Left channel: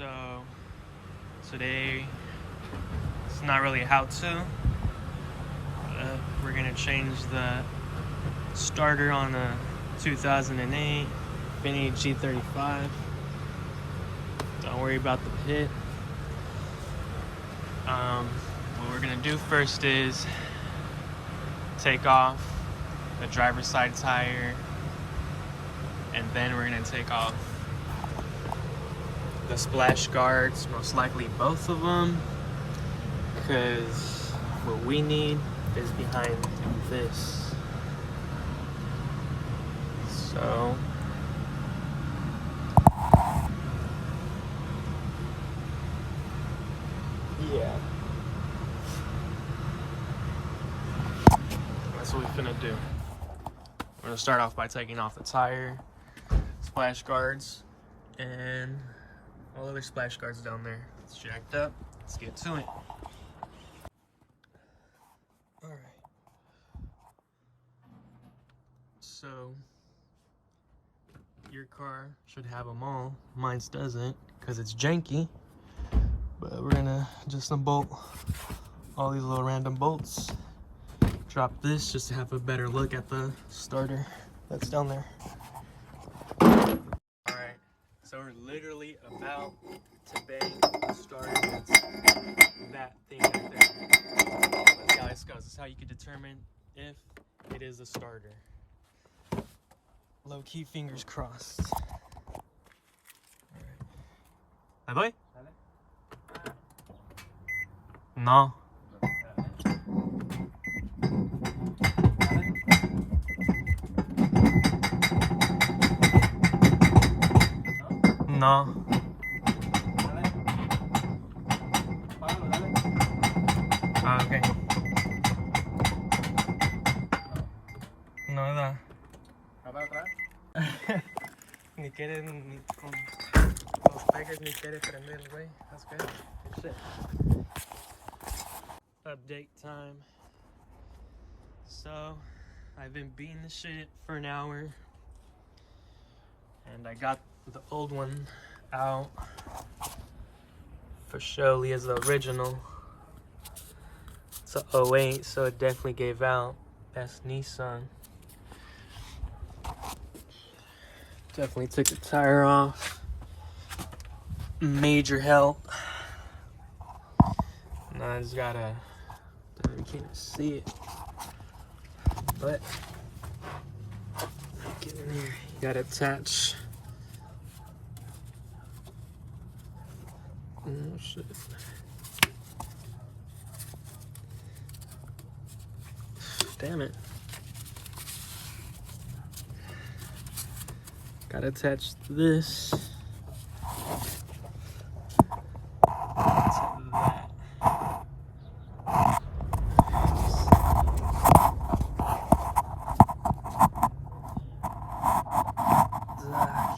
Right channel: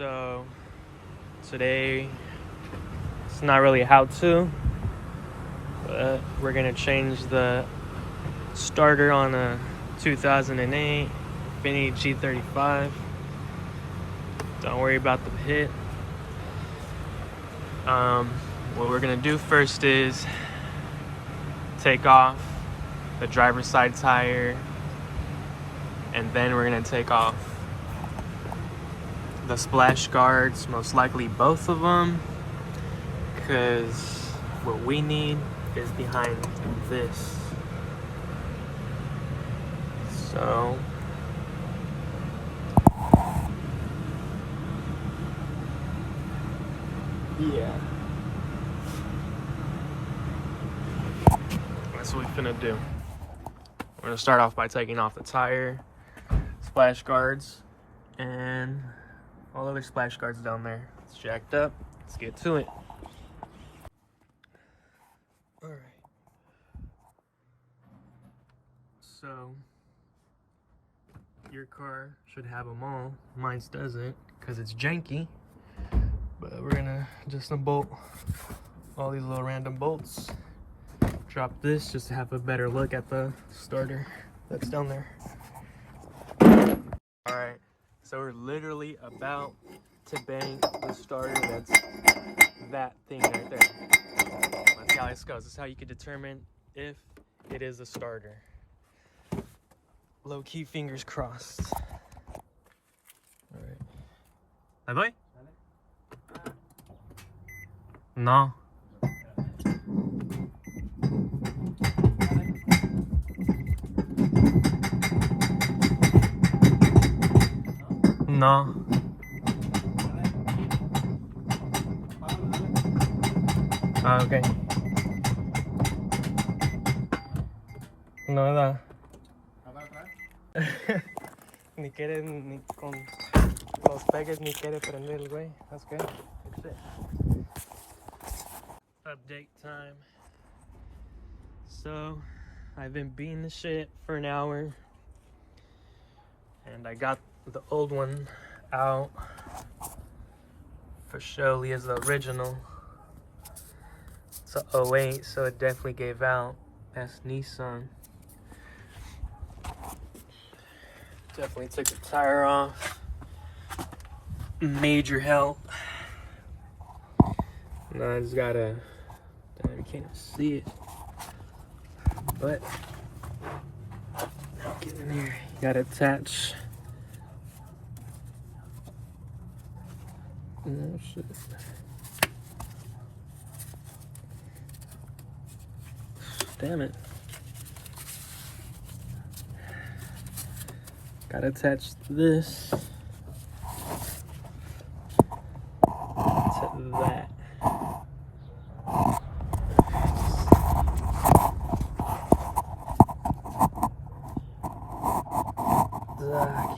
So today it's not really a how-to, but we're gonna change the starter on a 2008 Infiniti G35. Don't worry about the pit. What we're gonna do first is take off the driver's side tire, and then we're gonna take off the splash guards, most likely both of them, because what we need is behind this. So yeah, that's what we're gonna do. We're gonna start off by taking off the tire, splash guards, and all other splash guards down there. It's jacked up. Let's get to it. All right. So your car should have them all. Mine's doesn't because it's janky. But we're gonna just unbolt all these little random bolts. Drop this just to have a better look at the starter that's down there. All right, so we're literally about to bang the starter that's that thing right there. That's how this goes. That's how you can determine if it is a starter. Low key, fingers crossed. All right. Bye bye. No. No. Ah, ok. No da. Ni quiere ni con los pegues ni quiere prender el güey. That's good. Good shit. Update time. So I've been beating the shit for an hour, and I got the old one out for surely as the original. It's a 08, so it definitely gave out. That's Nissan. Definitely took the tire off. Major help. Now I just gotta, you can't even see it, but get in there. You gotta attach. Oh shit. Damn it. Gotta attach this to that.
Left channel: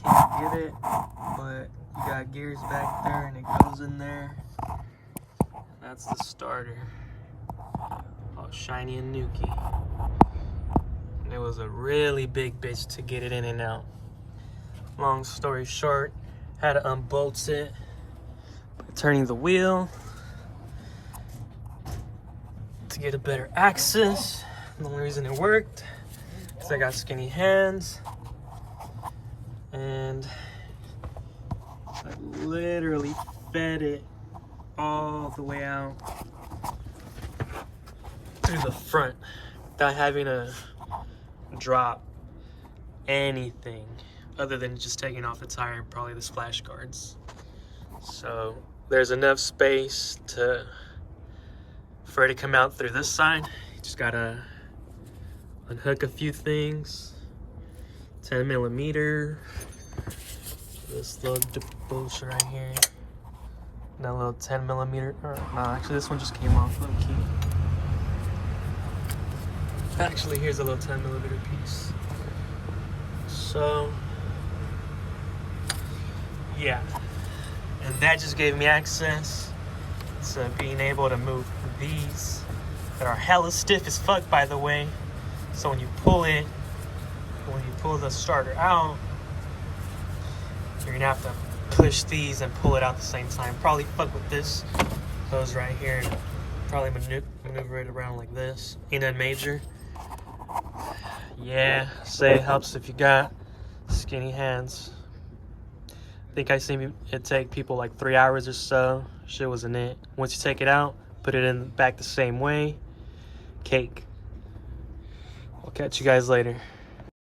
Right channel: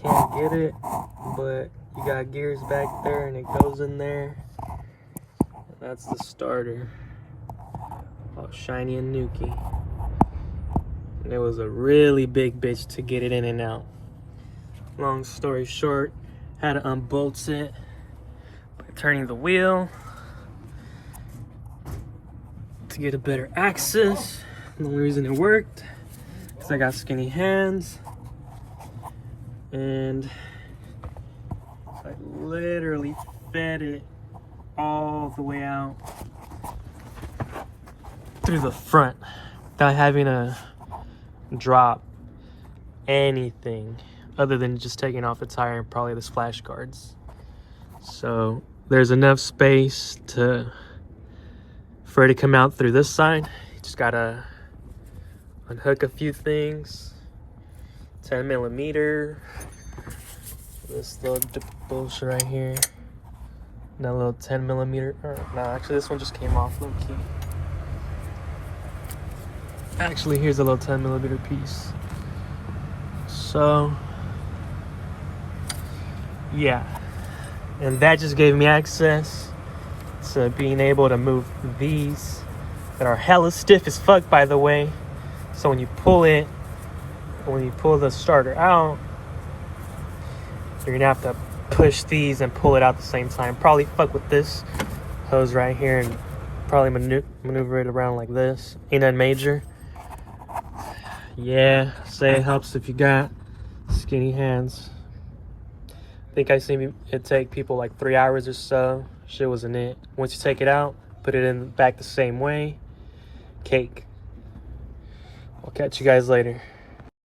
Can't get it, but you got gears back there and it goes in there. That's the starter. All shiny and nuky. And it was a really big bitch to get it in and out. Long story short, had to unbolt it by turning the wheel to get a better access. The only reason it worked is I got skinny hands, and I literally fed it all the way out through the front without having to drop anything other than just taking off the tire and probably the splash guards. So there's enough space for it to come out through this side. You just gotta unhook a few things. 10 millimeter. This little bullshit right here. And that little 10 millimeter. No, actually this one just came off low key. Actually, here's a little 10 millimeter piece. So yeah, and that just gave me access to being able to move these that are hella stiff as fuck, by the way. So when you pull the starter out, you're gonna have to push these and pull it out at the same time. Probably fuck with this hose right here and probably maneuver it around like this. Ain't that major? Yeah, say it helps if you got skinny hands. I think I seen it take people like 3 hours or so. Shit wasn't it. Once you take it out, put it in back the same way. Cake. I'll catch you guys later.